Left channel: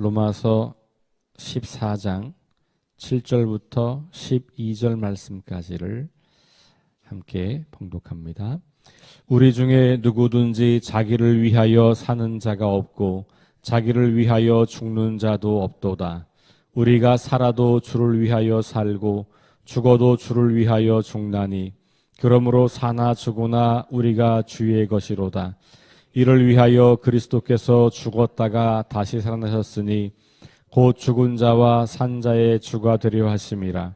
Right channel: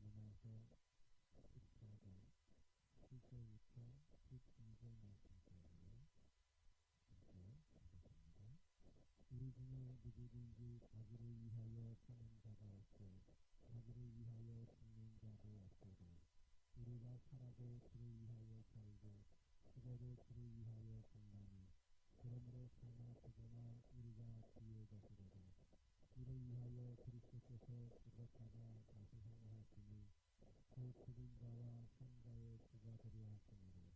로마서 14장 7절부터 12절 말씀까지를 함께 봉독합니다. 우리 중에 누구든지 자기를 위하여 사는 자가 없고 자기를 위하여 죽는 자도 없도다. 우리가 살아도 주를 위하여 살고 죽어도 주를 위하여 죽나니 그러므로 사나 죽으나 우리가 주의 것이로다. 이를 위하여 그리스도께서 죽었다가 다시 살아나셨으니 곧 죽은 자와 산 자의 주가 되려 하심이라.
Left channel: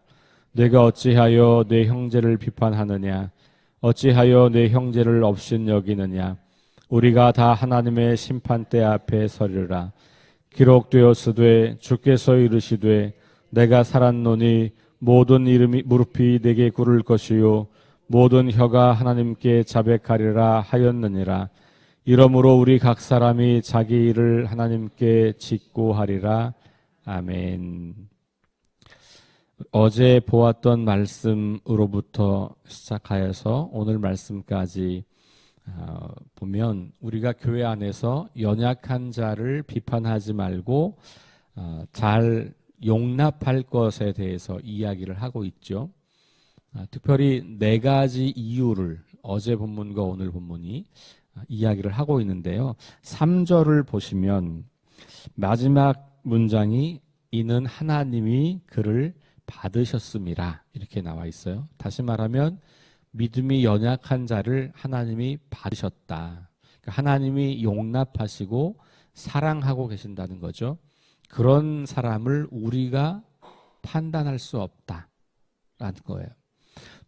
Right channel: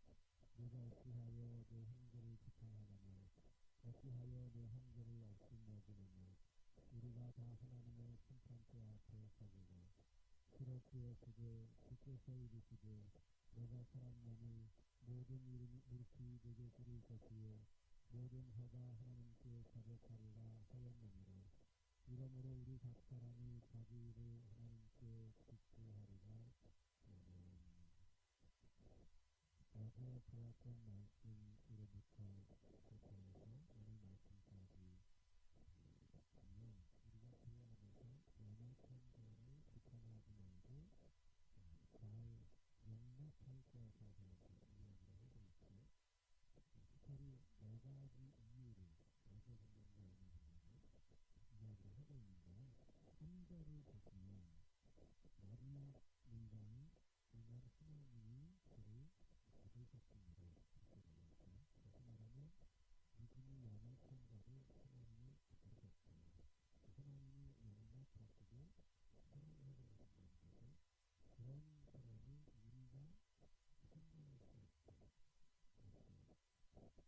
내가 어찌하여 내 형제를 비판하느냐? 어찌하여 내 형제를 업신여기느냐? 우리가 다 하나님의 심판대 앞에 서리라. 기록되었으되 주께서 이르시되 내가 살았노니 모든 이름이 무릎이 내게 꿇을 것이요 모든 혀가 하나님께 자백하리라 하였느니라. 이러므로 우리 각 사람이 자기 일을 하나님께 짓고 하리라. 아멘. 어제 보았던 말씀으로부터 시작하여서 오늘 말씀까지 보면 우리가 교회 안에서 연약한 자를 비판하지 말고 잘 용납할 것에 대해서 이야기를 하고 있죠. 특별히 네 가지 이유를 어제 본문과 오늘 본문이 이야기를 하고 있는데요. 3절을 보시면 마지막 문장이 이는 하나님이 그를 받으셨음이라 이렇게 나와 있어요. 다시 말하면 믿음이 연약한 자를 하나님이 받으셨다. 그러니까 하나님이 용납하시고 사랑하고 계신다는 거죠. 그런 사람을 우리가 판단할 수 없다라는 거예요.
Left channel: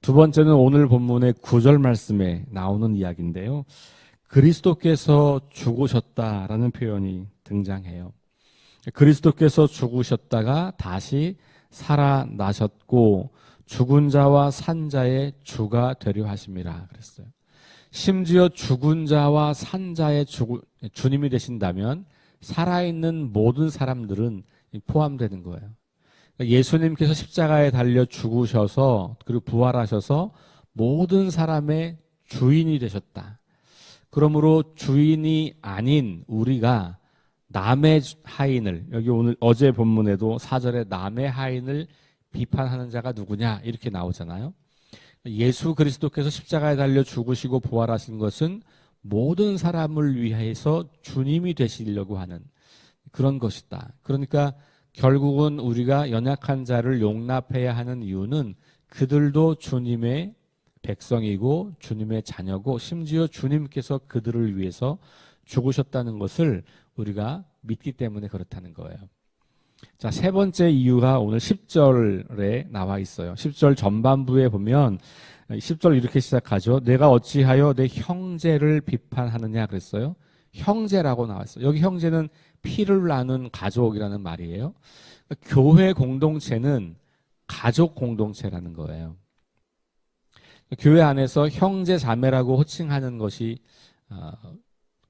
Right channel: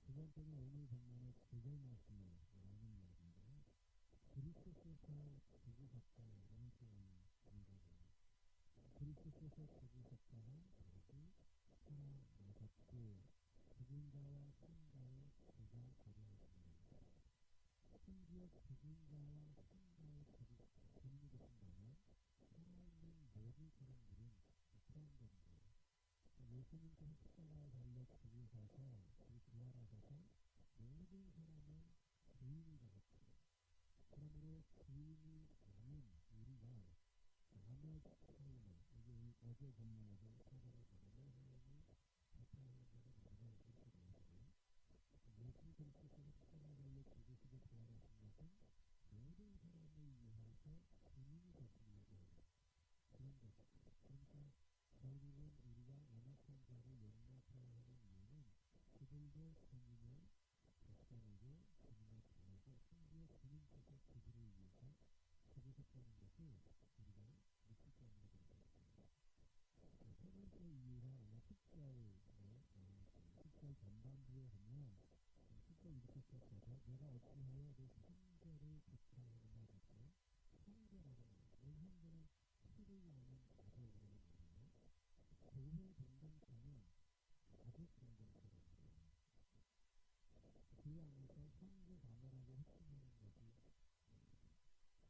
두 번째는 오늘 본문의 9절 말씀에 나오는 이야기인데요. 그리스도께서 죽으셨다라는 표현이 등장해요. 그리스도께서 죽으셨다가 다시 살아나셨고 죽은 자와 산 자의 주가 되려 하심이라 그랬어요. 심지어 죽은 자와 산 자의 주님이 되신다면 살아있는 모든 사람들은 포함되는 거예요. 예수님께서 십자가에 달려 죽으셔서 그리고 부활하셔서 모든 사람의 주인이 되셨다. 그러므로 주인이 아닌 우리가 남의 하인을, 여기 오늘 어제 본문에도 4절에 남의 하인을 비판하는 자가 누구냐 이렇게 나오잖아요. 예수 그리스도께서 십자가에 달려 죽으시고 부활하신 것은 모든 사람을 위해서 주님이 되시려고 하는 그런 것이다. 그러니까 결국은 우리가 연약한 자를 용납해야 하는 이유는 그들도 주님의 백성이고 주님의 자녀고 심지어 주님께서 그들을 위해서 죽으셨다는 것을 우리가 믿기 때문에 그렇다는 거예요. 자, 세 번째 이유가 오늘 10절에 나와 있어요. 10절 전반부에 보면 10절 이렇게 시작하죠. 내가 어찌하여 내 형제를 비판하느냐 그랬어요. 형제라고 나왔어요. 여기 형제는 피를 나눈 가족이라는 말이에요. 교회 공동체는 가족 공동체라는 거예요. 교회 안에서 형제 자매라고 호칭하는 것이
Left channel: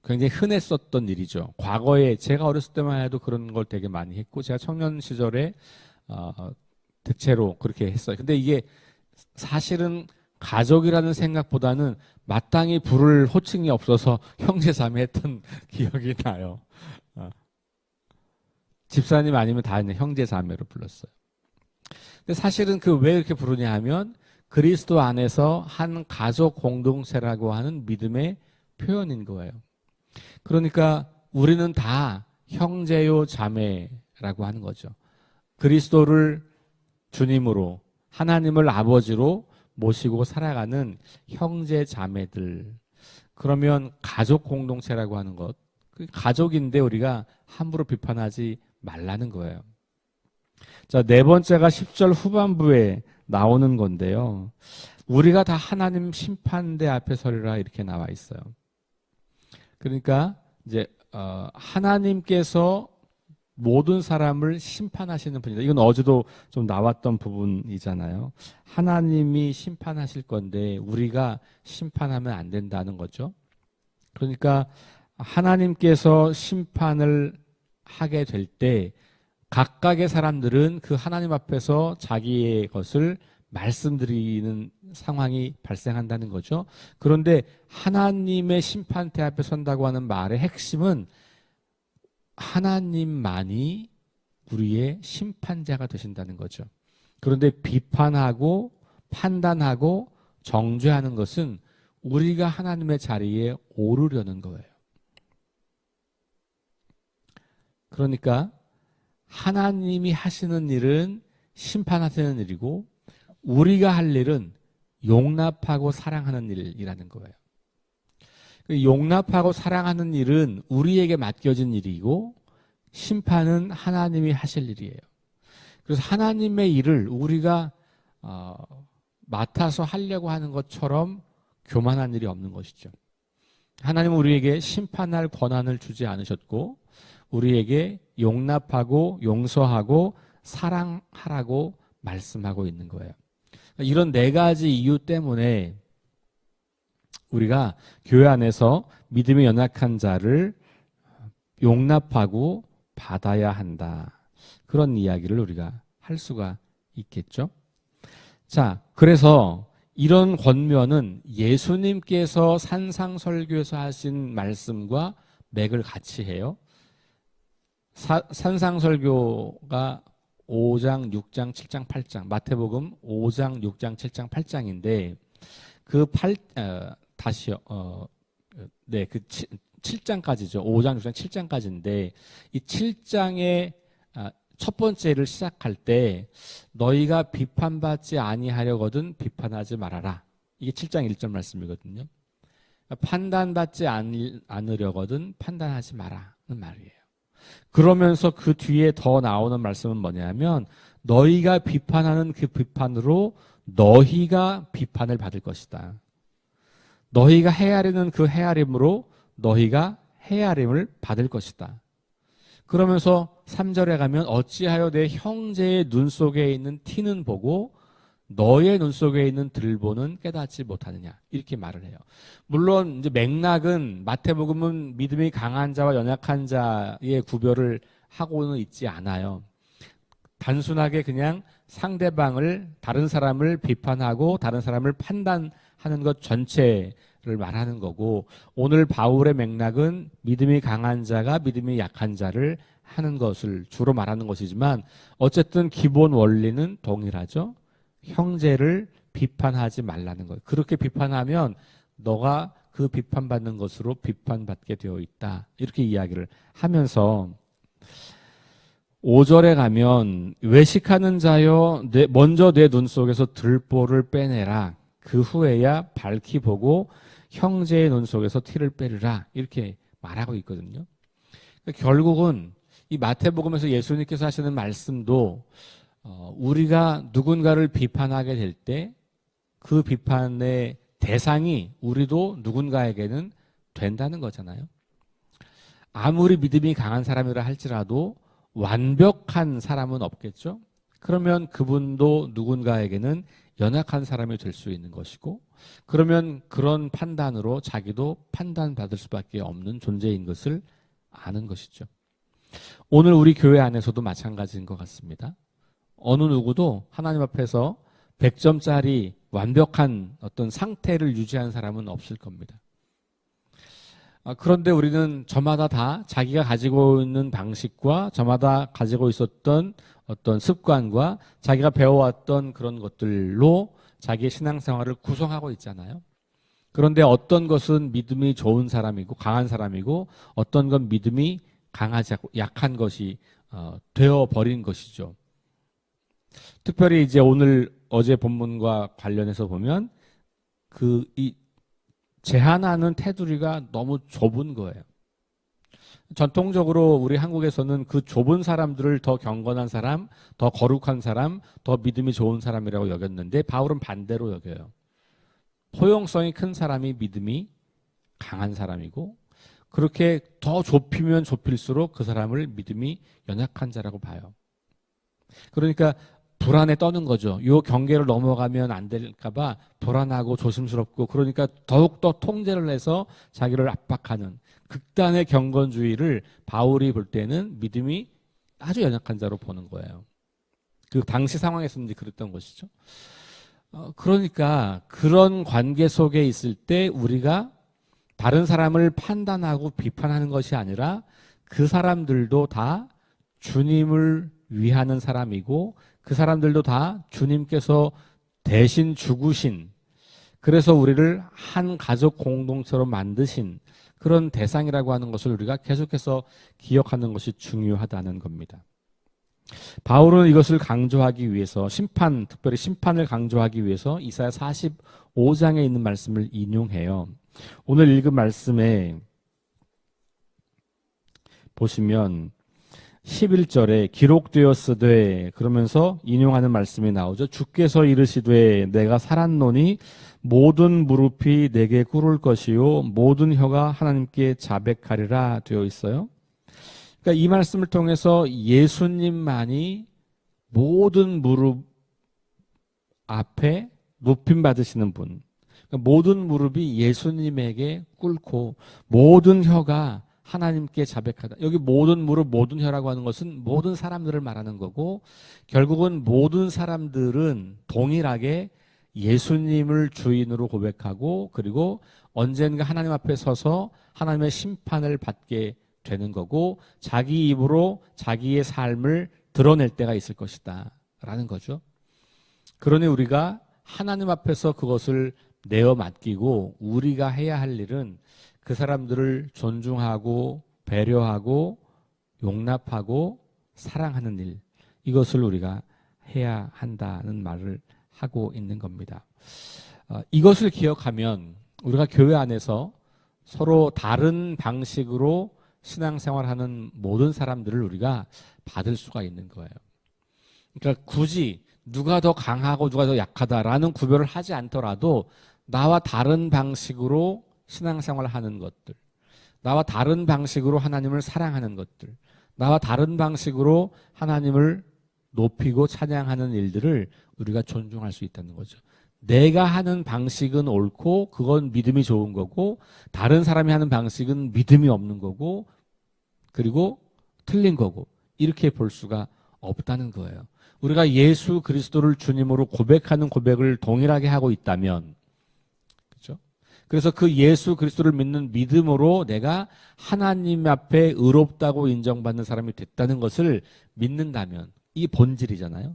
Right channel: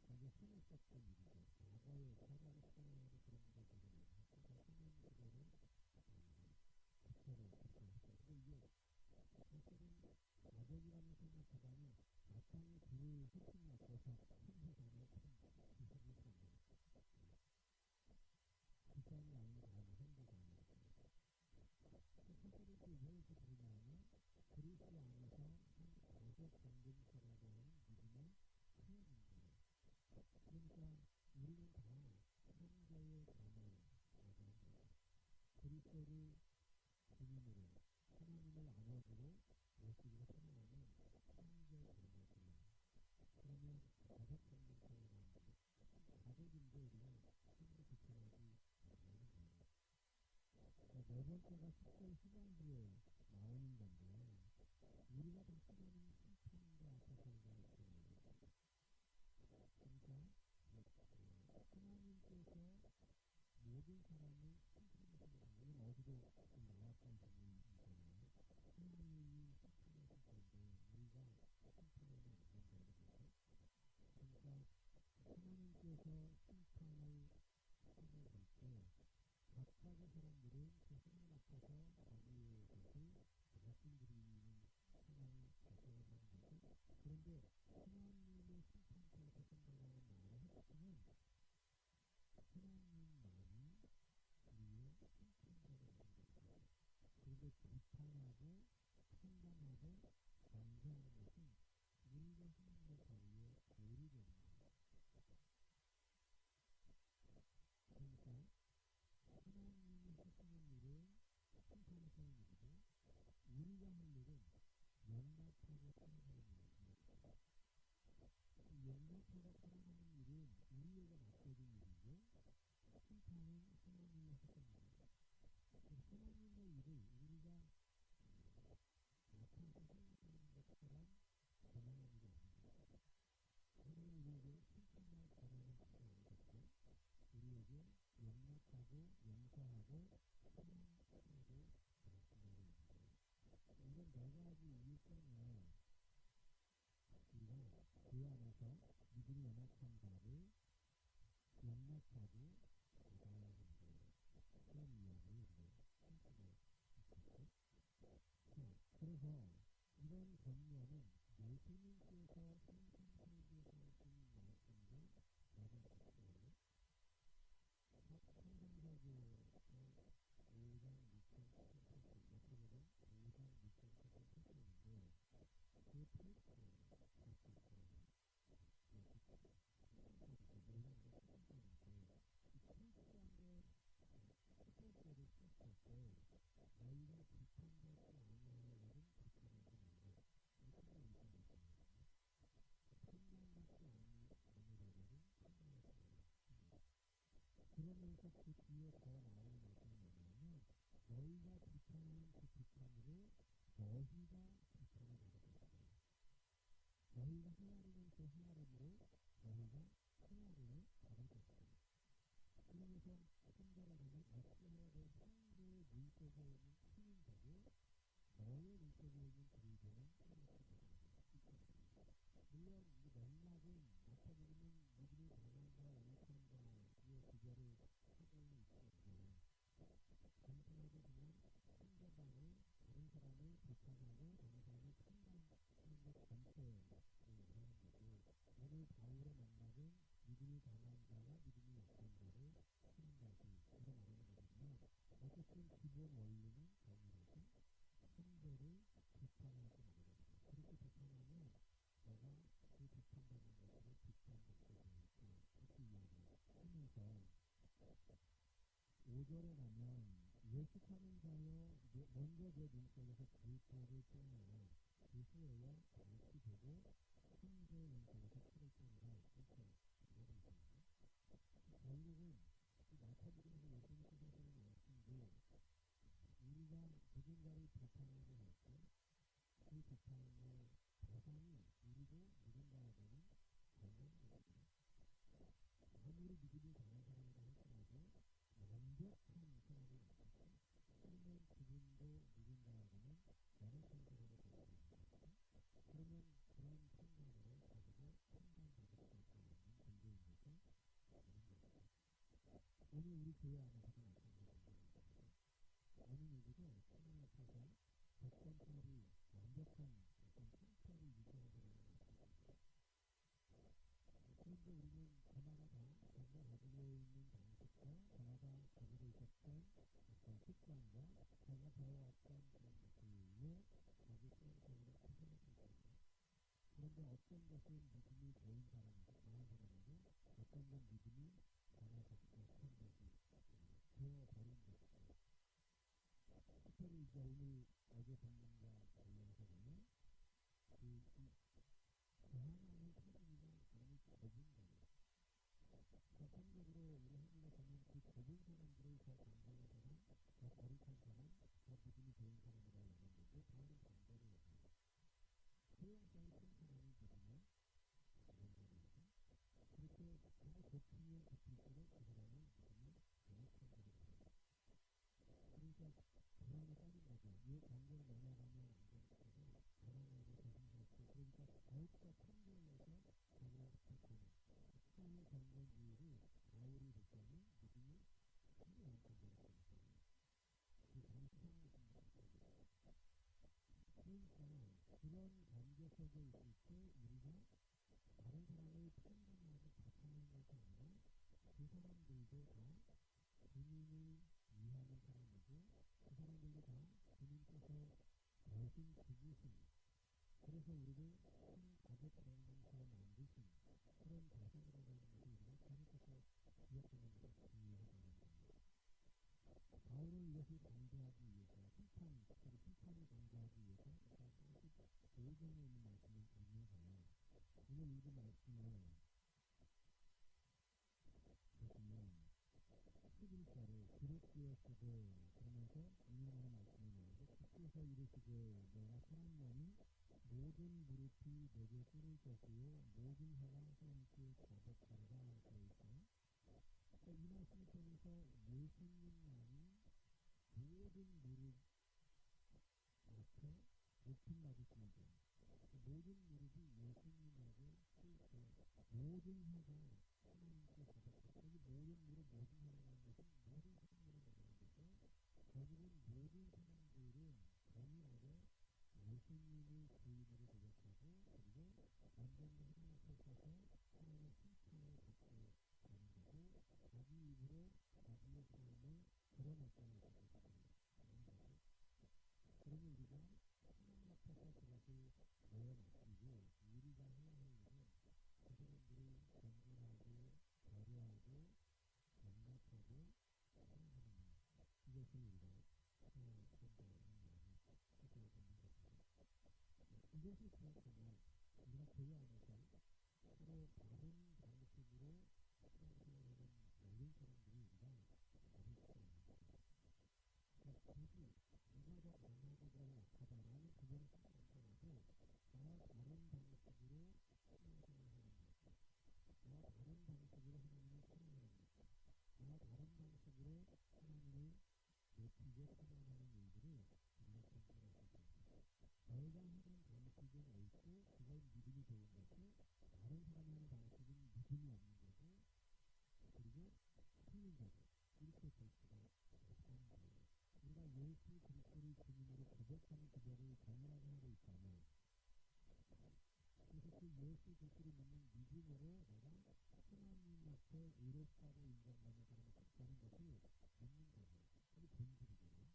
굉장히 흔했었던 일이죠. 과거에 제가 어렸을 때만 해도 그런 걸 되게 많이 했고 제가 청년 시절에 대체로 그렇게 했어요. 근데 이게 사실은 가족이라는 생각보다는 마땅히 부를 호칭이 없어서 형제 자매 했던 기억이 나요. 집사님 아니면 다 형제 자매로 불렀어요. 근데 사실은 왜 이렇게 부르냐 하면 그리스도 안에서 한 가족 공동체라고 하는 믿음의 표현인 거예요. 그러니까 우리는 다 형제요 자매라고 하는 거죠. 그리스도를 주님으로 하나님을 아버지로 모시고 살아가는 형제 자매들. 그러면 가족 공동체라고 하는 것, 가족인데 우리가 함부로 비판하지 말라는 거예요. 자, 네 번째가 10절 후반부에 나오는 건데요. 우리가 다 하나님 심판대 앞에 서리라 이렇게 나와 있어요. 그러니까 이제 하나님께서 모든 사람을 심판하시는 분이다. 이건 어제도 좀 나왔던 부분이잖아요. 하나님이 심판하실 건데 우리가 심판하면 안 된다는 거죠. 그러니까 하나님께서 심판을 하게 될 때 각각의 사람들은 그 하나님 앞에서 자기의 것을 말씀드리는 상황이 발생한다는 거죠. 그런데 하나님의 심판대 앞에 선다고 하는 말의 핵심은 하나님만이 우리의 심판자가 되신다는 거죠. 그런데 비판하고 판단하고 정죄하는 것은 우리가 하나님의 자리에 오르려는 거예요. 그러니까 하나님이 하시는 일은 심판하시는 일이고 우리가 할 일은 용납하고 사랑하는 일이라는 거예요. 용납하고 사랑하는 일은 우리에게 맡겨진 일이고 심판은 하나님이 하실 일이에요. 그래서 하나님의 일을 우리가 맡아서 하려고 하는 것처럼 교만한 일이 없는 것이죠. 하나님은 우리에게 심판할 권한을 주지 않으셨고 우리에게 용납하고 용서하고 사랑하라고 말씀하고 있는 거예요. 이런 네 가지 이유 때문에 우리가 교회 안에서 믿음이 연약한 자를 용납하고 받아야 한다. 그런 이야기를 우리가 할 수가 있겠죠. 자, 그래서 이런 권면은 예수님께서 산상설교에서 하신 말씀과 맥을 같이 해요. 산상설교가 5장, 6장, 7장, 8장, 마태복음 5장, 6장, 7장, 8장인데 그 7장까지죠. 5장, 6장, 7장까지인데 이 7장의 첫 번째를 시작할 때 너희가 비판받지 아니하려거든 비판하지 말아라. 이게 7장 1절 말씀이거든요. 판단받지 않으려거든 판단하지 마라는 말이에요. 그러면서 그 뒤에 더 나오는 말씀은 뭐냐면 너희가 비판하는 그 비판으로 너희가 비판을 받을 것이다. 너희가 헤아리는 그 헤아림으로 너희가 헤아림을 받을 것이다. 그러면서 3절에 가면 어찌하여 내 형제의 눈 속에 있는 티는 보고 너의 눈 속에 있는 들보는 깨닫지 못하느냐 이렇게 말을 해요. 물론 이제 맥락은 마태복음은 믿음이 강한 자와 연약한 자의 구별을 하고는 있지 않아요. 단순하게 그냥 상대방을 다른 사람을 비판하고 다른 사람을 판단하는 것 전체를 말하는 거고 오늘 바울의 맥락은 믿음이 강한 자가 믿음이 약한 자를 하는 것을 주로 말하는 것이지만 어쨌든 기본 원리는 동일하죠. 형제를 비판하지 말라는 거예요. 그렇게 비판하면 너가 그 비판받는 것으로 비판받게 되어 있다. 이렇게 이야기를 하면서 5절에 가면 외식하는 자여 먼저 내 눈 속에서 들보를 빼내라. 그 후에야 밝히 보고 형제의 눈 속에서 티를 빼르라. 이렇게 말하고 있거든요. 그러니까 결국은 이 마태복음에서 예수님께서 하시는 말씀도 우리가 누군가를 비판하게 될 때 그 비판의 대상이 우리도 누군가에게는 된다는 거잖아요. 아무리 믿음이 강한 사람이라 할지라도 완벽한 사람은 없겠죠. 그러면 그분도 누군가에게는 연약한 사람이 될 수 있는 것이고 그러면 그런 판단으로 자기도 판단받을 수밖에 없는 존재인 것을 아는 것이죠. 오늘 우리 교회 안에서도 마찬가지인 것 같습니다. 어느 누구도 하나님 앞에서 100점짜리 완벽한 어떤 상태를 유지한 사람은 없을 겁니다. 그런데 우리는 저마다 다 자기가 가지고 있는 방식과 저마다 가지고 있었던 어떤 습관과 자기가 배워왔던 그런 것들로 자기의 신앙생활을 구성하고 있잖아요. 그런데 어떤 것은 믿음이 좋은 사람이고 강한 사람이고 어떤 건 믿음이 강하지 않고 약한 것이 되어버린 것이죠. 특별히 이제 오늘 어제 본문과 관련해서 보면 이 제한하는 테두리가 너무 좁은 거예요. 전통적으로 우리 한국에서는 그 좁은 사람들을 더 경건한 사람, 더 거룩한 사람, 더 믿음이 좋은 사람이라고 여겼는데 바울은 반대로 여겨요. 포용성이 큰 사람이 믿음이 강한 사람이고 그렇게 더 좁히면 좁힐수록 그 사람을 믿음이 연약한 자라고 봐요. 그러니까 불안에 떠는 거죠. 이 경계를 넘어가면 안 될까 봐 불안하고 조심스럽고 그러니까 더욱더 통제를 해서 자기를 압박하는 극단의 경건주의를 바울이 볼 때는 믿음이 아주 연약한 자로 보는 거예요. 그 당시 상황에서는 이제 그랬던 것이죠. 그러니까 그런 관계 속에 있을 때 우리가 다른 사람을 판단하고 비판하는 것이 아니라 그 사람들도 다 주님을 위하는 사람이고 그 사람들도 다 주님께서 대신 죽으신, 그래서 우리를 한 가족 공동체로 만드신 그런 대상이라고 하는 것을 우리가 계속해서 기억하는 것이 중요하다는 겁니다. 바울은 이것을 강조하기 위해서 특별히 심판을 강조하기 위해서 이사야 45장에 있는 말씀을 인용해요. 오늘 읽은 말씀에 보시면 11절에 기록되었으되 그러면서 인용하는 말씀이 나오죠. 주께서 이르시되 내가 살았노니 모든 무릎이 내게 꿇을 것이요 모든 혀가 하나님께 자백하리라 되어 있어요. 그러니까 이 말씀을 통해서 예수님만이 모든 무릎 앞에 높임 받으시는 분, 그러니까 모든 무릎이 예수님에게 꿇고 모든 혀가 하나님께 자백하다. 여기 모든 무릎, 모든 혀라고 하는 것은 모든 사람들을 말하는 거고, 결국은 모든 사람들은 동일하게 예수님을 주인으로 고백하고 그리고 언젠가 하나님 앞에 서서 하나님의 심판을 받게 되는 거고, 자기 입으로 자기의 삶을 드러낼 때가 있을 것이다 라는 거죠. 그러니 우리가 하나님 앞에서 그것을 내어 맡기고 우리가 해야 할 일은 그 사람들을 존중하고 배려하고 용납하고 사랑하는 일, 이것을 우리가 해야 한다는 말을 하고 있는 겁니다. 이것을 기억하면 우리가 교회 안에서 서로 다른 방식으로 신앙생활하는 모든 사람들을 우리가 받을 수가 있는 거예요. 그러니까 굳이 누가 더 강하고 누가 더 약하다라는 구별을 하지 않더라도 나와 다른 방식으로 신앙생활을 하는 것들, 나와 다른 방식으로 하나님을 사랑하는 것들, 나와 다른 방식으로 하나님을 높이고 찬양하는 일들을 우리가 존중할 수 있다는 거죠. 내가 하는 방식은 옳고 그건 믿음이 좋은 거고, 다른 사람이 하는 방식은 믿음이 없는 거고 그리고 틀린 거고, 이렇게 볼 수가 없다는 거예요. 우리가 예수 그리스도를 주님으로 고백하는 고백을 동일하게 하고 있다면, 그렇죠? 그래서 그 예수 그리스도를 믿는 믿음으로 내가 하나님 앞에 의롭다고 인정받는 사람이 됐다는 것을 믿는다면, 이 본질이잖아요.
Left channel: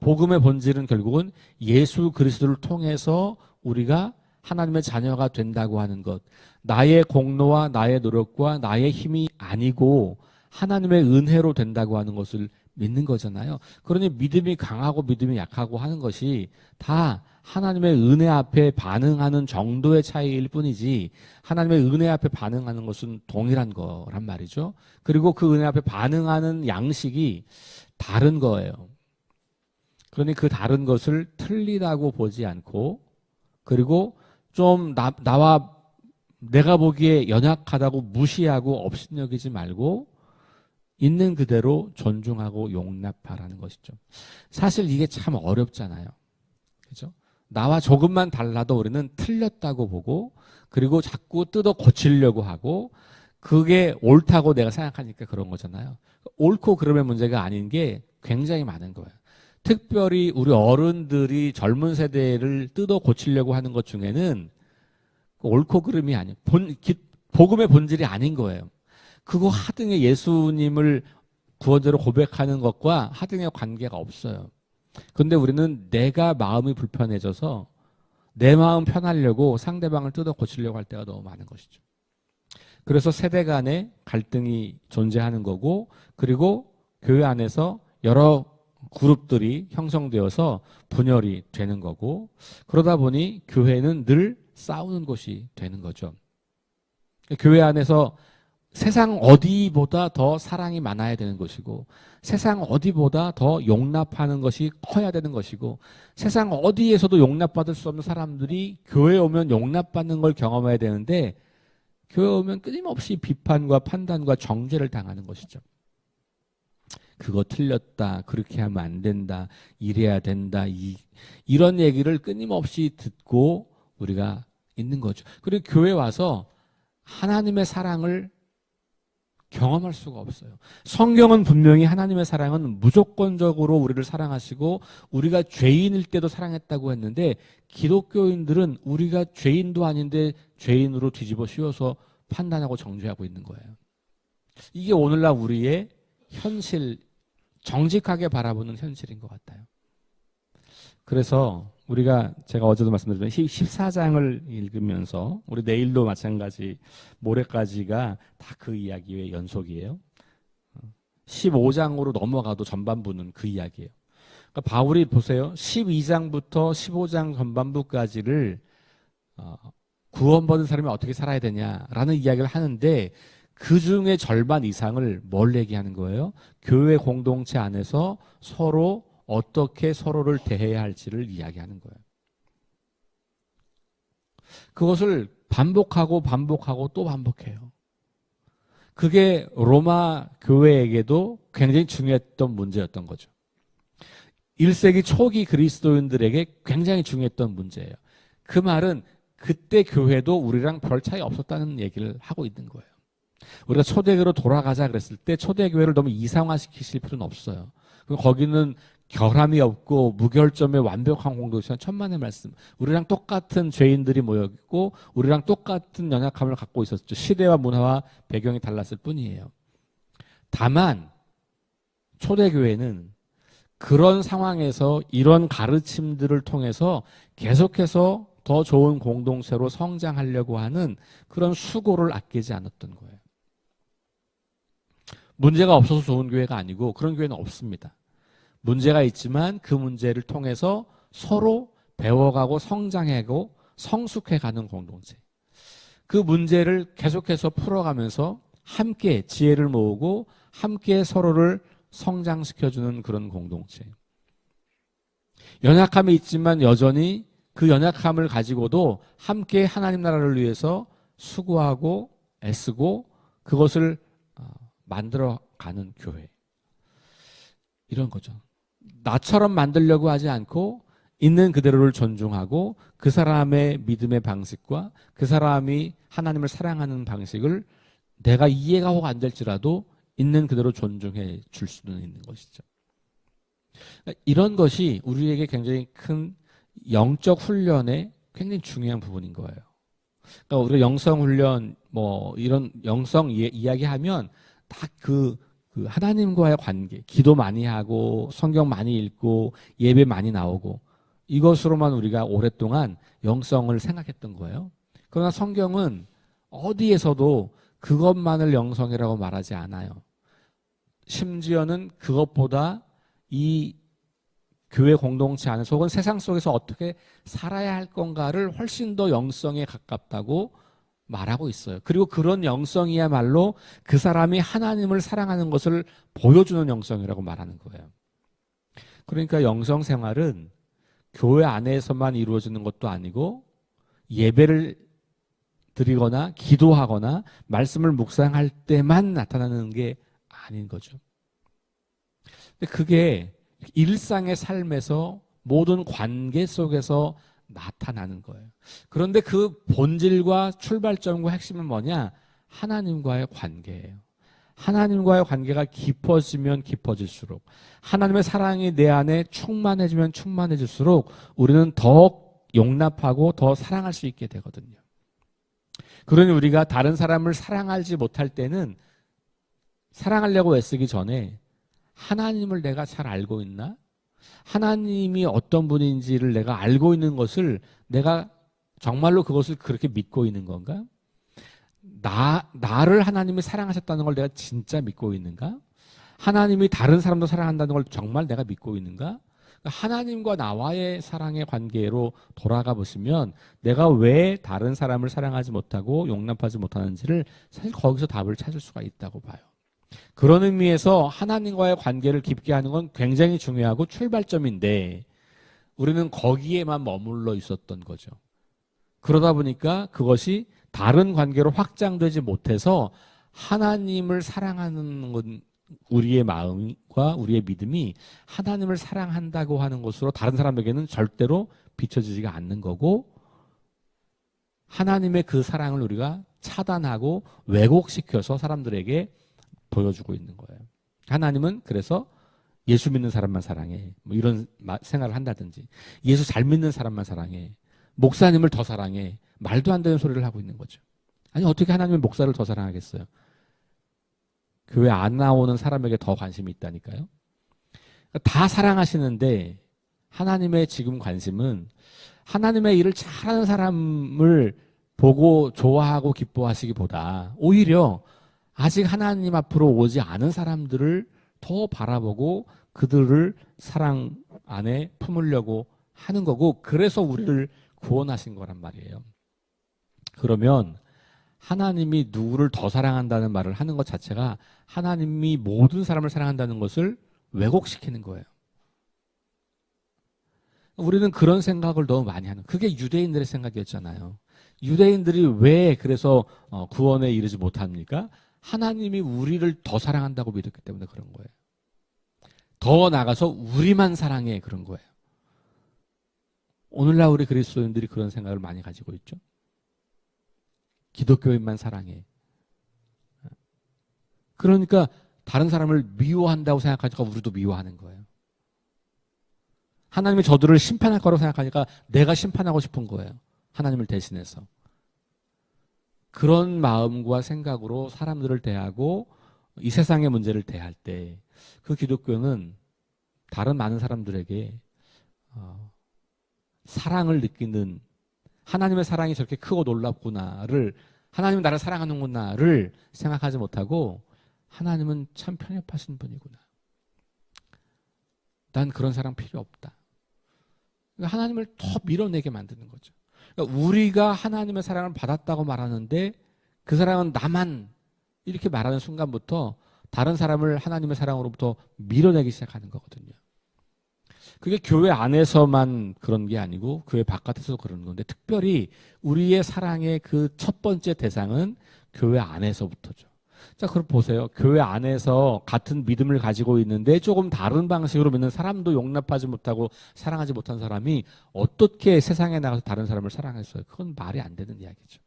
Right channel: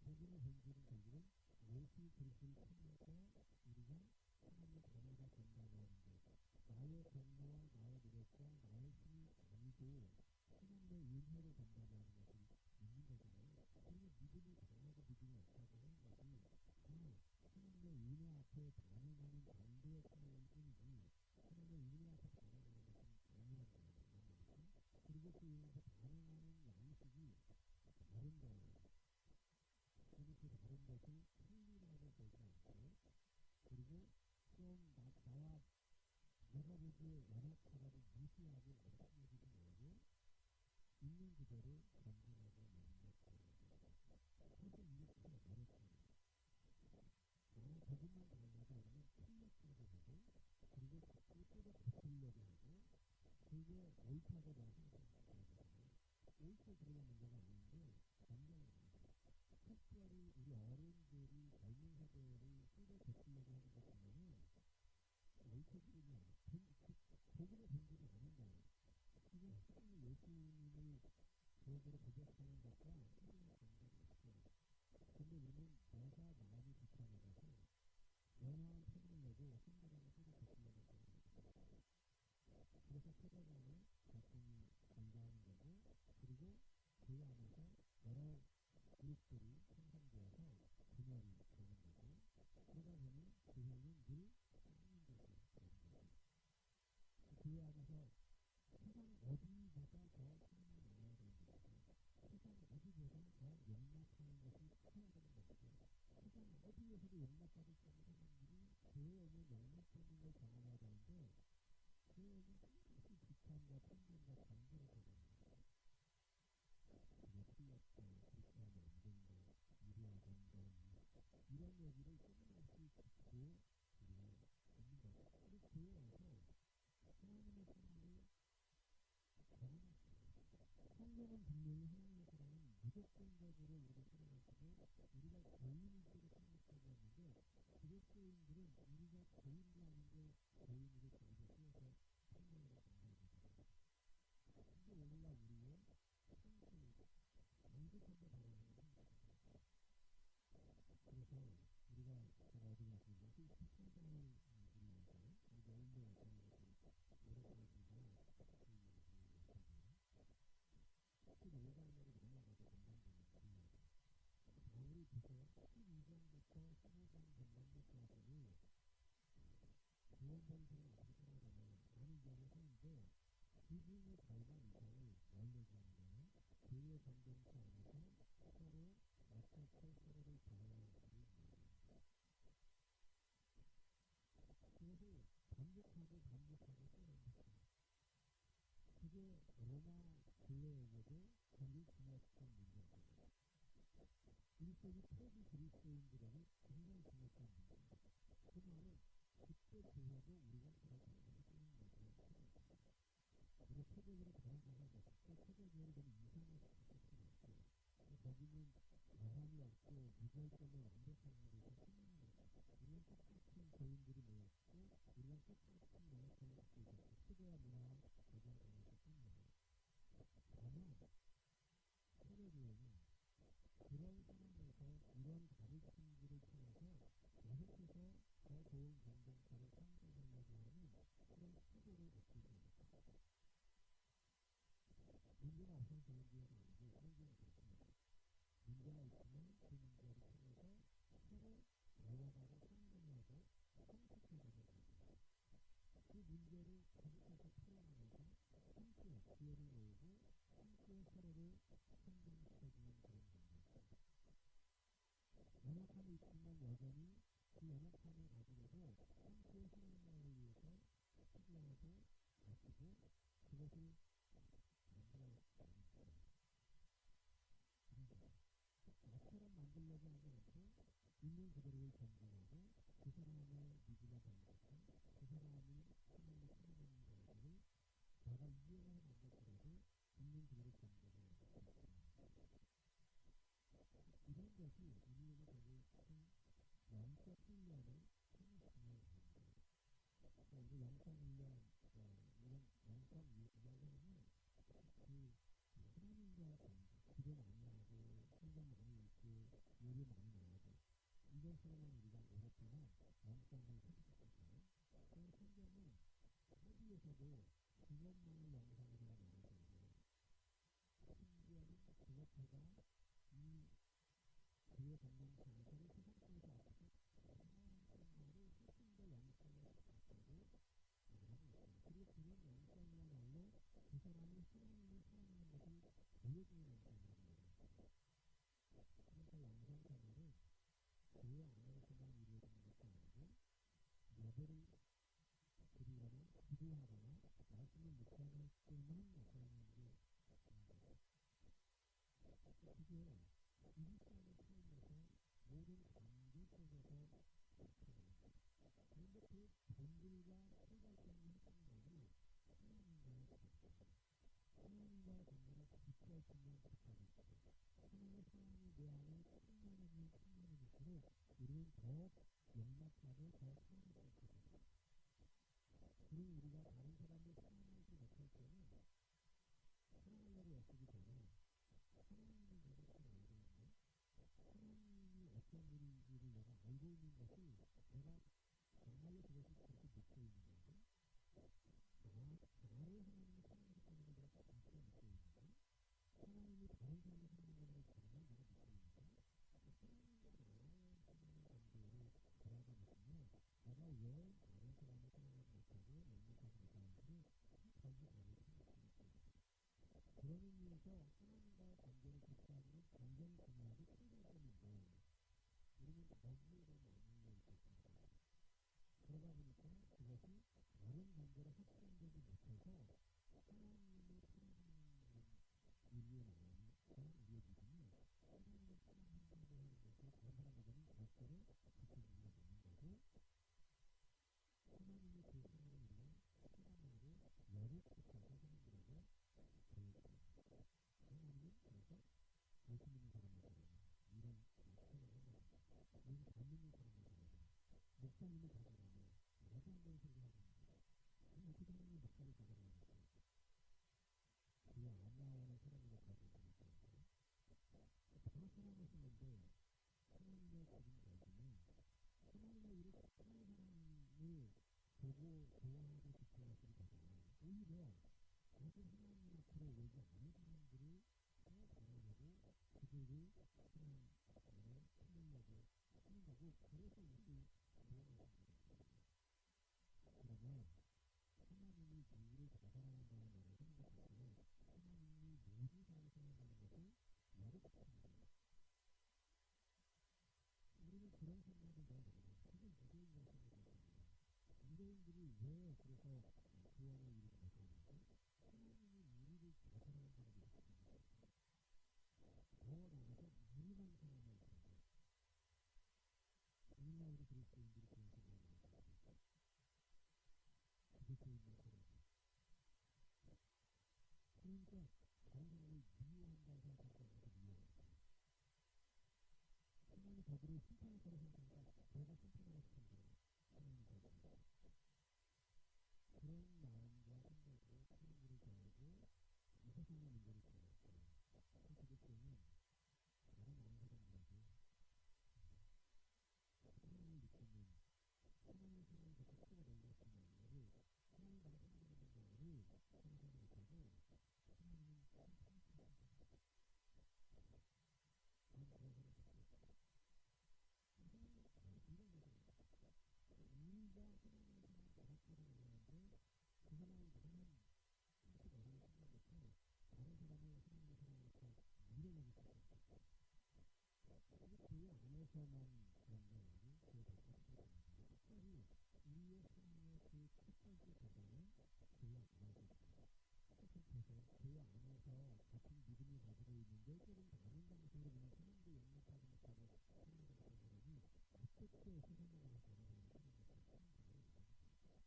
복음의 본질은 결국은 예수 그리스도를 통해서 우리가 하나님의 자녀가 된다고 하는 것, 나의 공로와 나의 노력과 나의 힘이 아니고 하나님의 은혜로 된다고 하는 것을 믿는 거잖아요. 그러니 믿음이 강하고 믿음이 약하고 하는 것이 다 하나님의 은혜 앞에 반응하는 정도의 차이일 뿐이지, 하나님의 은혜 앞에 반응하는 것은 동일한 거란 말이죠. 그리고 그 은혜 앞에 반응하는 양식이 다른 거예요. 그러니 그 다른 것을 틀리다고 보지 않고, 그리고 좀 나와 내가 보기에 연약하다고 무시하고 업신여기지 말고 있는 그대로 존중하고 용납하라는 것이죠. 사실 이게 참 어렵잖아요. 그렇죠? 나와 조금만 달라도 우리는 틀렸다고 보고 그리고 자꾸 뜯어 고치려고 하고, 그게 옳다고 내가 생각하니까 그런 거잖아요. 옳고 그름의 문제가 아닌 게 굉장히 많은 거예요. 특별히 우리 어른들이 젊은 세대를 뜯어 고치려고 하는 것 중에는 옳고 그름이 아닌 복음의 본질이 아닌 거예요. 그거 하등의 예수님을 구원자로 고백하는 것과 하등의 관계가 없어요. 그런데 우리는 내가 마음이 불편해져서 내 마음 편하려고 상대방을 뜯어 고치려고 할 때가 너무 많은 것이죠. 그래서 세대 간의 갈등이 존재하는 거고, 그리고 교회 안에서 여러 그룹들이 형성되어서 분열이 되는 거고, 그러다 보니 교회는 늘 싸우는 곳이 되는 거죠. 교회 안에서 세상 어디보다 더 사랑이 많아야 되는 것이고, 세상 어디보다 더 용납하는 것이 커야 되는 것이고, 세상 어디에서도 용납받을 수 없는 사람들이 교회에 오면 용납받는 걸 경험해야 되는데, 교회에 오면 끊임없이 비판과 판단과 정죄를 당하는 것이죠. 그거 틀렸다, 그렇게 하면 안 된다, 이래야 된다, 이런 얘기를 끊임없이 듣고 우리가 있는 거죠. 그리고 교회 와서 하나님의 사랑을 경험할 수가 없어요. 성경은 분명히 하나님의 사랑은 무조건적으로 우리를 사랑하시고 우리가 죄인일 때도 사랑했다고 했는데, 기독교인들은 우리가 죄인도 아닌데 죄인으로 뒤집어 씌워서 판단하고 정죄하고 있는 거예요. 이게 오늘날 우리의 현실, 정직하게 바라보는 현실인 것 같아요. 그래서 제가 어제도 말씀드렸던 14장을 읽으면서 우리 내일도 마찬가지 모레까지가 다 그 이야기의 연속이에요. 15장으로 넘어가도 전반부는 그 이야기예요. 그러니까 바울이 보세요. 12장부터 15장 전반부까지를 구원받은 사람이 어떻게 살아야 되냐라는 이야기를 하는데 그 중에 절반 이상을 뭘 얘기하는 거예요? 교회 공동체 안에서 서로 어떻게 서로를 대해야 할지를 이야기하는 거예요. 그것을 반복하고 또 반복해요. 그게 로마 교회에게도 굉장히 중요했던 문제였던 거죠. 1세기 초기 그리스도인들에게 굉장히 중요했던 문제예요. 그 말은 그때 교회도 우리랑 별 차이 없었다는 얘기를 하고 있는 거예요. 우리가 초대교회로 돌아가자 그랬을 때 초대교회를 너무 이상화시키실 필요는 없어요. 거기는 결함이 없고 무결점의 완벽한 공동체는 천만의 말씀. 우리랑 똑같은 죄인들이 모여있고 우리랑 똑같은 연약함을 갖고 있었죠. 시대와 문화와 배경이 달랐을 뿐이에요. 다만 초대교회는 그런 상황에서 이런 가르침들을 통해서 계속해서 더 좋은 공동체로 성장하려고 하는 그런 수고를 아끼지 않았던 거예요. 문제가 없어서 좋은 교회가 아니고 그런 교회는 없습니다. 문제가 있지만 그 문제를 통해서 서로 배워가고 성장하고 성숙해가는 공동체. 그 문제를 계속해서 풀어가면서 함께 지혜를 모으고 함께 서로를 성장시켜주는 그런 공동체. 연약함이 있지만 여전히 그 연약함을 가지고도 함께 하나님 나라를 위해서 수고하고 애쓰고 그것을 만들어가는 교회. 이런 거죠. 나처럼 만들려고 하지 않고 있는 그대로를 존중하고 그 사람의 믿음의 방식과 그 사람이 하나님을 사랑하는 방식을 내가 이해가 혹 안 될지라도 있는 그대로 존중해 줄 수는 있는 것이죠. 이런 것이 우리에게 굉장히 큰 영적 훈련의 굉장히 중요한 부분인 거예요. 그러니까 우리가 영성 훈련 이런 영성 이야기하면 다 그 하나님과의 관계, 기도 많이 하고 성경 많이 읽고 예배 많이 나오고 이것으로만 우리가 오랫동안 영성을 생각했던 거예요. 그러나 성경은 어디에서도 그것만을 영성이라고 말하지 않아요. 심지어는 그것보다 이 교회 공동체 안에서 혹은 세상 속에서 어떻게 살아야 할 건가를 훨씬 더 영성에 가깝다고 말하고 있어요. 그리고 그런 영성이야말로 그 사람이 하나님을 사랑하는 것을 보여주는 영성이라고 말하는 거예요. 그러니까 영성 생활은 교회 안에서만 이루어지는 것도 아니고 예배를 드리거나 기도하거나 말씀을 묵상할 때만 나타나는 게 아닌 거죠. 근데 그게 일상의 삶에서 모든 관계 속에서 나타나는 거예요. 그런데 그 본질과 출발점과 핵심은 뭐냐? 하나님과의 관계예요. 하나님과의 관계가 깊어지면 깊어질수록 하나님의 사랑이 내 안에 충만해지면 충만해질수록 우리는 더 용납하고 더 사랑할 수 있게 되거든요. 그러니 우리가 다른 사람을 사랑하지 못할 때는 사랑하려고 애쓰기 전에 하나님을 내가 잘 알고 있나? 하나님이 어떤 분인지를 내가 알고 있는 것을 내가 정말로 그것을 그렇게 믿고 있는 건가? 나를 하나님이 사랑하셨다는 걸 내가 진짜 믿고 있는가? 하나님이 다른 사람도 사랑한다는 걸 정말 내가 믿고 있는가? 하나님과 나와의 사랑의 관계로 돌아가 보시면 내가 왜 다른 사람을 사랑하지 못하고 용납하지 못하는지를 사실 거기서 답을 찾을 수가 있다고 봐요. 그런 의미에서 하나님과의 관계를 깊게 하는 건 굉장히 중요하고 출발점인데 우리는 거기에만 머물러 있었던 거죠. 그러다 보니까 그것이 다른 관계로 확장되지 못해서 하나님을 사랑하는 건 우리의 마음과 우리의 믿음이 하나님을 사랑한다고 하는 것으로 다른 사람에게는 절대로 비춰지지가 않는 거고 하나님의 그 사랑을 우리가 차단하고 왜곡시켜서 사람들에게 보여주고 있는 거예요. 하나님은 그래서 예수 믿는 사람만 사랑해. 이런 생각을 한다든지 예수 잘 믿는 사람만 사랑해. 목사님을 더 사랑해. 말도 안 되는 소리를 하고 있는 거죠. 아니 어떻게 하나님은 목사를 더 사랑하겠어요? 교회 안 나오는 사람에게 더 관심이 있다니까요. 다 사랑하시는데 하나님의 지금 관심은 하나님의 일을 잘하는 사람을 보고 좋아하고 기뻐하시기보다 오히려 아직 하나님 앞으로 오지 않은 사람들을 더 바라보고 그들을 사랑 안에 품으려고 하는 거고, 그래서 우리를 구원하신 거란 말이에요. 그러면 하나님이 누구를 더 사랑한다는 말을 하는 것 자체가 하나님이 모든 사람을 사랑한다는 것을 왜곡시키는 거예요. 우리는 그런 생각을 너무 많이 하는, 그게 유대인들의 생각이었잖아요. 유대인들이 왜 그래서 구원에 이르지 못합니까? 하나님이 우리를 더 사랑한다고 믿었기 때문에 그런 거예요. 더 나가서 우리만 사랑해, 그런 거예요. 오늘날 우리 그리스도인들이 그런 생각을 많이 가지고 있죠. 기독교인만 사랑해. 그러니까 다른 사람을 미워한다고 생각하니까 우리도 미워하는 거예요. 하나님이 저들을 심판할 거라고 생각하니까 내가 심판하고 싶은 거예요. 하나님을 대신해서. 그런 마음과 생각으로 사람들을 대하고 이 세상의 문제를 대할 때 그 기독교는 다른 많은 사람들에게 사랑을 느끼는, 하나님의 사랑이 저렇게 크고 놀랍구나를, 하나님은 나를 사랑하는구나를 생각하지 못하고 하나님은 참 편협하신 분이구나. 난 그런 사랑 필요 없다. 그러니까 하나님을 더 밀어내게 만드는 거죠. 그러니까 우리가 하나님의 사랑을 받았다고 말하는데 그 사랑은 나만, 이렇게 말하는 순간부터 다른 사람을 하나님의 사랑으로부터 밀어내기 시작하는 거거든요. 그게 교회 안에서만 그런 게 아니고 교회 바깥에서도 그런 건데, 특별히 우리의 사랑의 그 첫 번째 대상은 교회 안에서부터죠. 자, 그럼 보세요. 교회 안에서 같은 믿음을 가지고 있는데 조금 다른 방식으로 믿는 사람도 용납하지 못하고 사랑하지 못한 사람이 어떻게 세상에 나가서 다른 사람을 사랑했어요? 그건 말이 안 되는 이야기죠.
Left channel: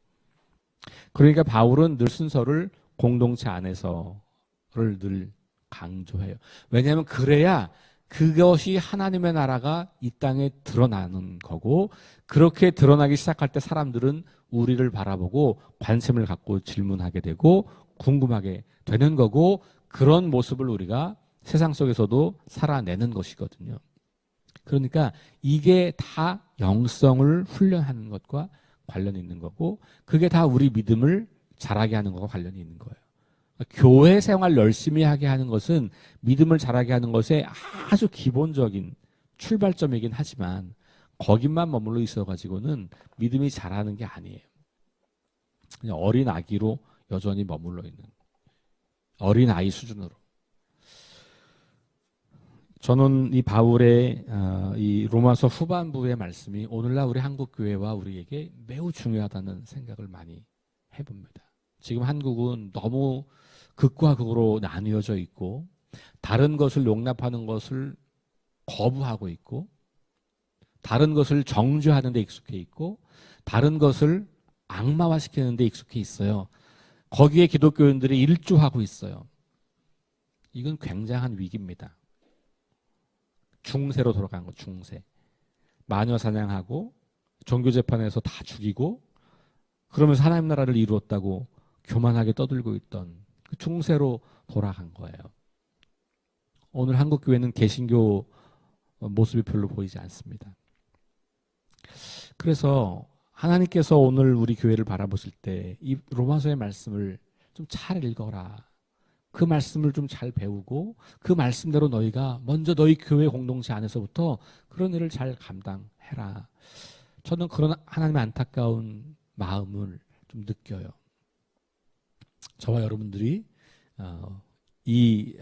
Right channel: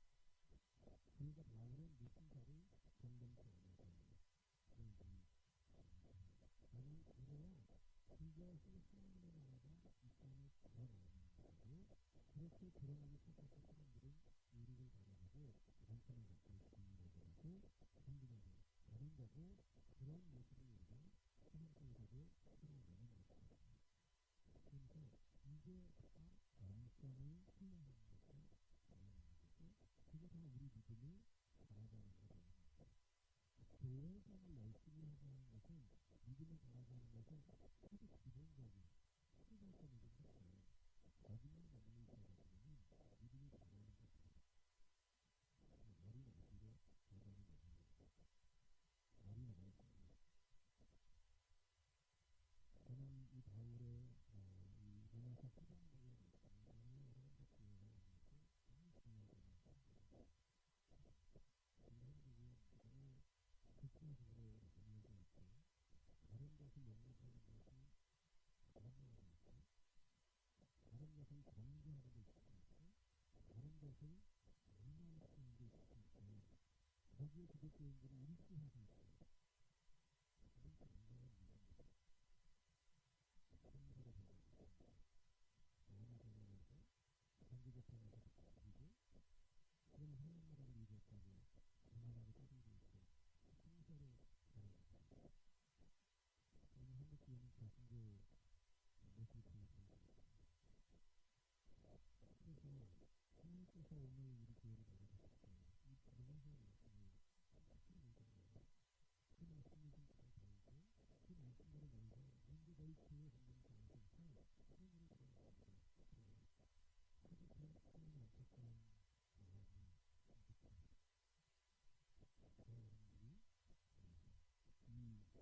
그러니까 바울은 늘 순서를 공동체 안에서를 늘 강조해요. 왜냐하면 그래야 그것이 하나님의 나라가 이 땅에 드러나는 거고, 그렇게 드러나기 시작할 때 사람들은 우리를 바라보고 관심을 갖고 질문하게 되고 궁금하게 되는 거고, 그런 모습을 우리가 세상 속에서도 살아내는 것이거든요. 그러니까 이게 다 영성을 훈련하는 것과 관련이 있는 거고, 그게 다 우리 믿음을 자라게 하는 것과 관련이 있는 거예요. 교회 생활 열심히 하게 하는 것은 믿음을 자라게 하는 것의 아주 기본적인 출발점이긴 하지만 거기만 머물러 있어가지고는 믿음이 자라는 게 아니에요. 그냥 어린 아기로 여전히 머물러 있는, 어린 아이 수준으로. 저는 이 바울의 이 로마서 후반부의 말씀이 오늘날 우리 한국 교회와 우리에게 매우 중요하다는 생각을 많이 해봅니다. 지금 한국은 너무 극과 극으로 나뉘어져 있고 다른 것을 용납하는 것을 거부하고 있고 다른 것을 정죄하는 데 익숙해 있고 다른 것을 악마화시키는 데 익숙해 있어요. 거기에 기독교인들이 일조하고 있어요. 이건 굉장한 위기입니다. 중세로 돌아간 거, 중세. 마녀 사냥하고 종교재판에서 다 죽이고 그러면서 하나님 나라를 이루었다고 교만하게 떠들고 있던 그 중세로 돌아간 거예요. 오늘 한국 교회는 개신교 모습이 별로 보이지 않습니다. 그래서 하나님께서 오늘 우리 교회를 바라보실 때 이 로마서의 말씀을 좀 잘 읽어라. 그 말씀을 좀 잘 배우고 그 말씀대로 너희가 먼저 너희 교회 공동체 안에서부터 그런 일을 잘 감당해라. 저는 그런 하나님의 안타까운 마음을 좀 느껴요. 저와 여러분들이 이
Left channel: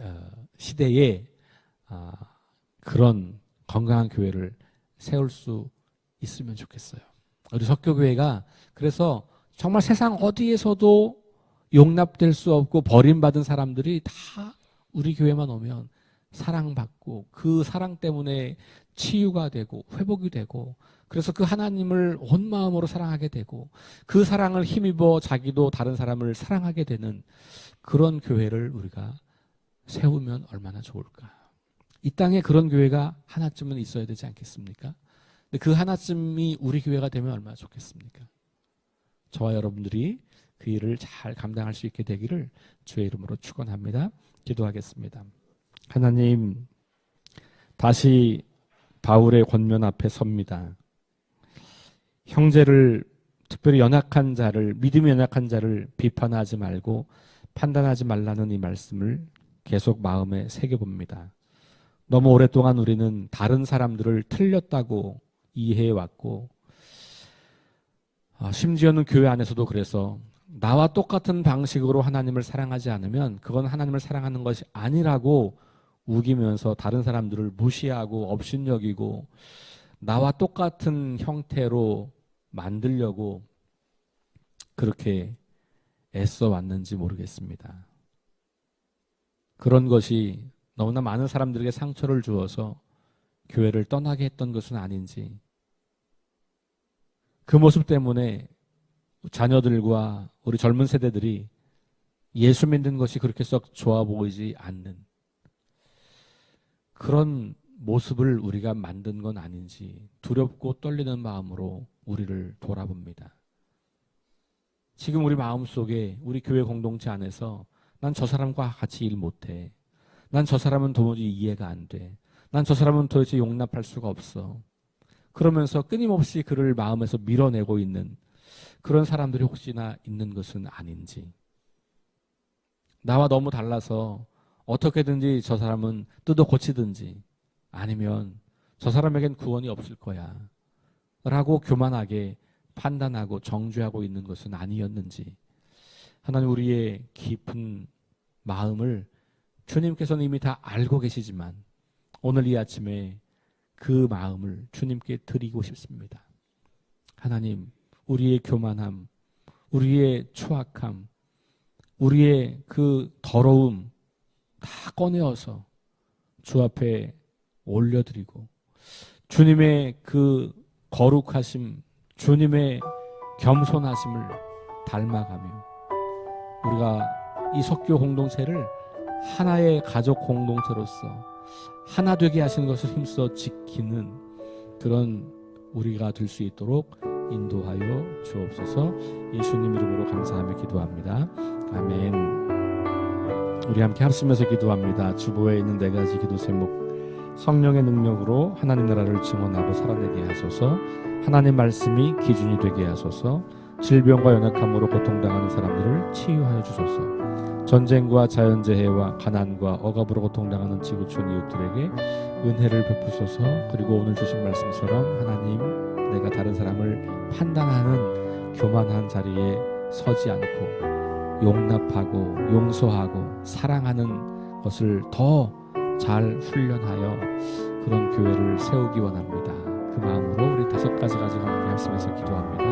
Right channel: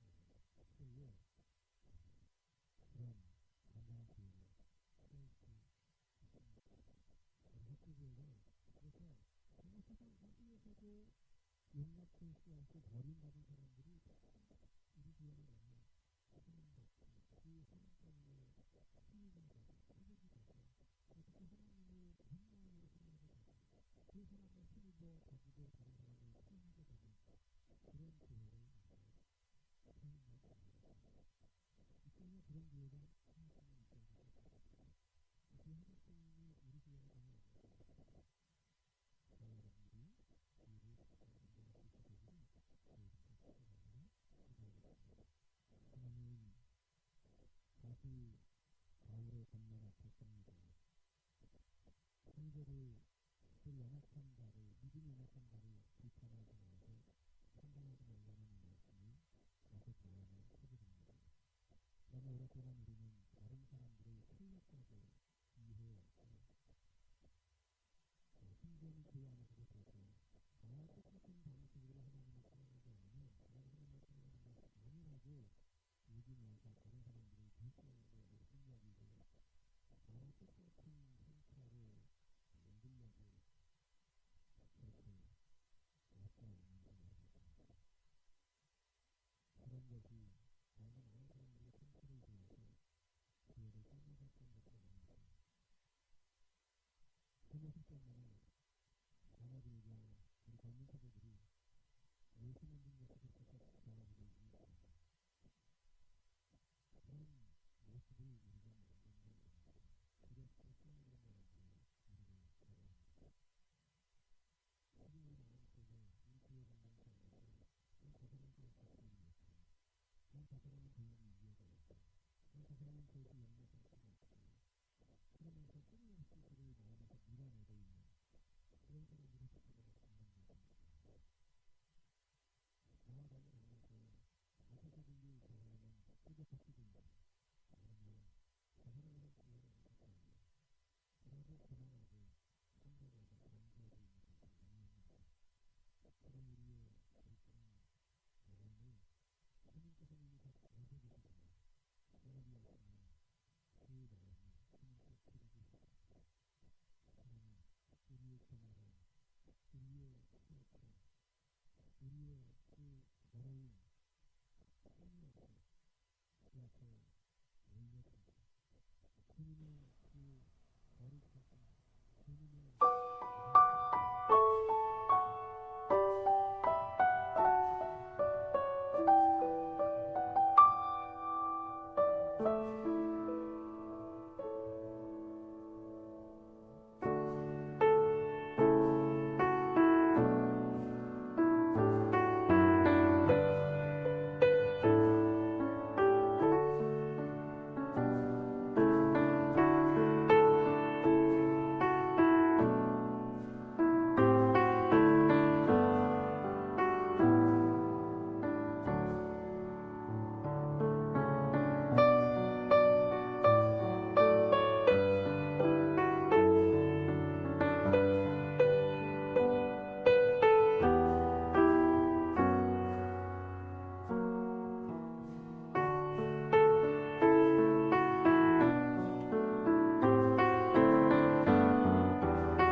시대에 그런 건강한 교회를 세울 수 있으면 좋겠어요. 우리 석교교회가 그래서 정말 세상 어디에서도 용납될 수 없고 버림받은 사람들이 다 우리 교회만 오면 사랑받고 그 사랑 때문에 치유가 되고 회복이 되고 그래서 그 하나님을 온 마음으로 사랑하게 되고 그 사랑을 힘입어 자기도 다른 사람을 사랑하게 되는 그런 교회를 우리가 세우면 얼마나 좋을까. 이 땅에 그런 교회가 하나쯤은 있어야 되지 않겠습니까? 근데 그 하나쯤이 우리 교회가 되면 얼마나 좋겠습니까? 저와 여러분들이 그 일을 잘 감당할 수 있게 되기를 주의 이름으로 축원합니다. 기도하겠습니다. 하나님, 다시 바울의 권면 앞에 섭니다. 형제를, 특별히 연약한 자를, 믿음이 연약한 자를 비판하지 말고 판단하지 말라는 이 말씀을 계속 마음에 새겨봅니다. 너무 오랫동안 우리는 다른 사람들을 틀렸다고 이해해왔고, 심지어는 교회 안에서도 그래서 나와 똑같은 방식으로 하나님을 사랑하지 않으면 그건 하나님을 사랑하는 것이 아니라고 우기면서 다른 사람들을 무시하고 업신여기고 나와 똑같은 형태로 만들려고 그렇게 애써 왔는지 모르겠습니다. 그런 것이 너무나 많은 사람들에게 상처를 주어서 교회를 떠나게 했던 것은 아닌지, 그 모습 때문에 자녀들과 우리 젊은 세대들이 예수 믿는 것이 그렇게 썩 좋아 보이지 않는 그런 모습을 우리가 만든 건 아닌지 두렵고 떨리는 마음으로 우리를 돌아봅니다. 지금 우리 마음속에 우리 교회 공동체 안에서 난 저 사람과 같이 일 못해. 난 저 사람은 도무지 이해가 안 돼. 난 저 사람은 도대체 용납할 수가 없어. 그러면서 끊임없이 그를 마음에서 밀어내고 있는 그런 사람들이 혹시나 있는 것은 아닌지, 나와 너무 달라서 어떻게든지 저 사람은 뜯어 고치든지 아니면 저 사람에겐 구원이 없을 거야 라고 교만하게 판단하고 정죄하고 있는 것은 아니었는지, 하나님, 우리의 깊은 마음을 주님께서는 이미 다 알고 계시지만 오늘 이 아침에 그 마음을 주님께 드리고 싶습니다. 하나님, 우리의 교만함, 우리의 추악함, 우리의 그 더러움 다 꺼내어서 주 앞에 올려드리고 주님의 그 거룩하심, 주님의 겸손하심을 닮아가며 우리가 이 석교 공동체를 하나의 가족 공동체로서 하나 되게 하시는 것을 힘써 지키는 그런 우리가 될 수 있도록 인도하여 주옵소서. 예수님 이름으로 감사하며 기도합니다. 아멘. 우리 함께 합심해서 기도합니다. 주보에 있는 4가지 기도 제목. 성령의 능력으로 하나님 나라를 증언하고 살아내게 하소서. 하나님 말씀이 기준이 되게 하소서. 질병과 연약함으로 고통당하는 사람들을 치유하여 주소서. 전쟁과 자연재해와 가난과 억압으로 고통당하는 지구촌 이웃들에게 은혜를 베푸소서. 그리고 오늘 주신 말씀처럼 하나님, 내가 다른 사람을 판단하는 교만한 자리에 서지 않고 용납하고 용서하고 사랑하는 것을 더 잘 훈련하여 그런 교회를 세우기 원합니다. 그 마음으로 우리 5가지 가지고 함께 말씀에서 기도합니다.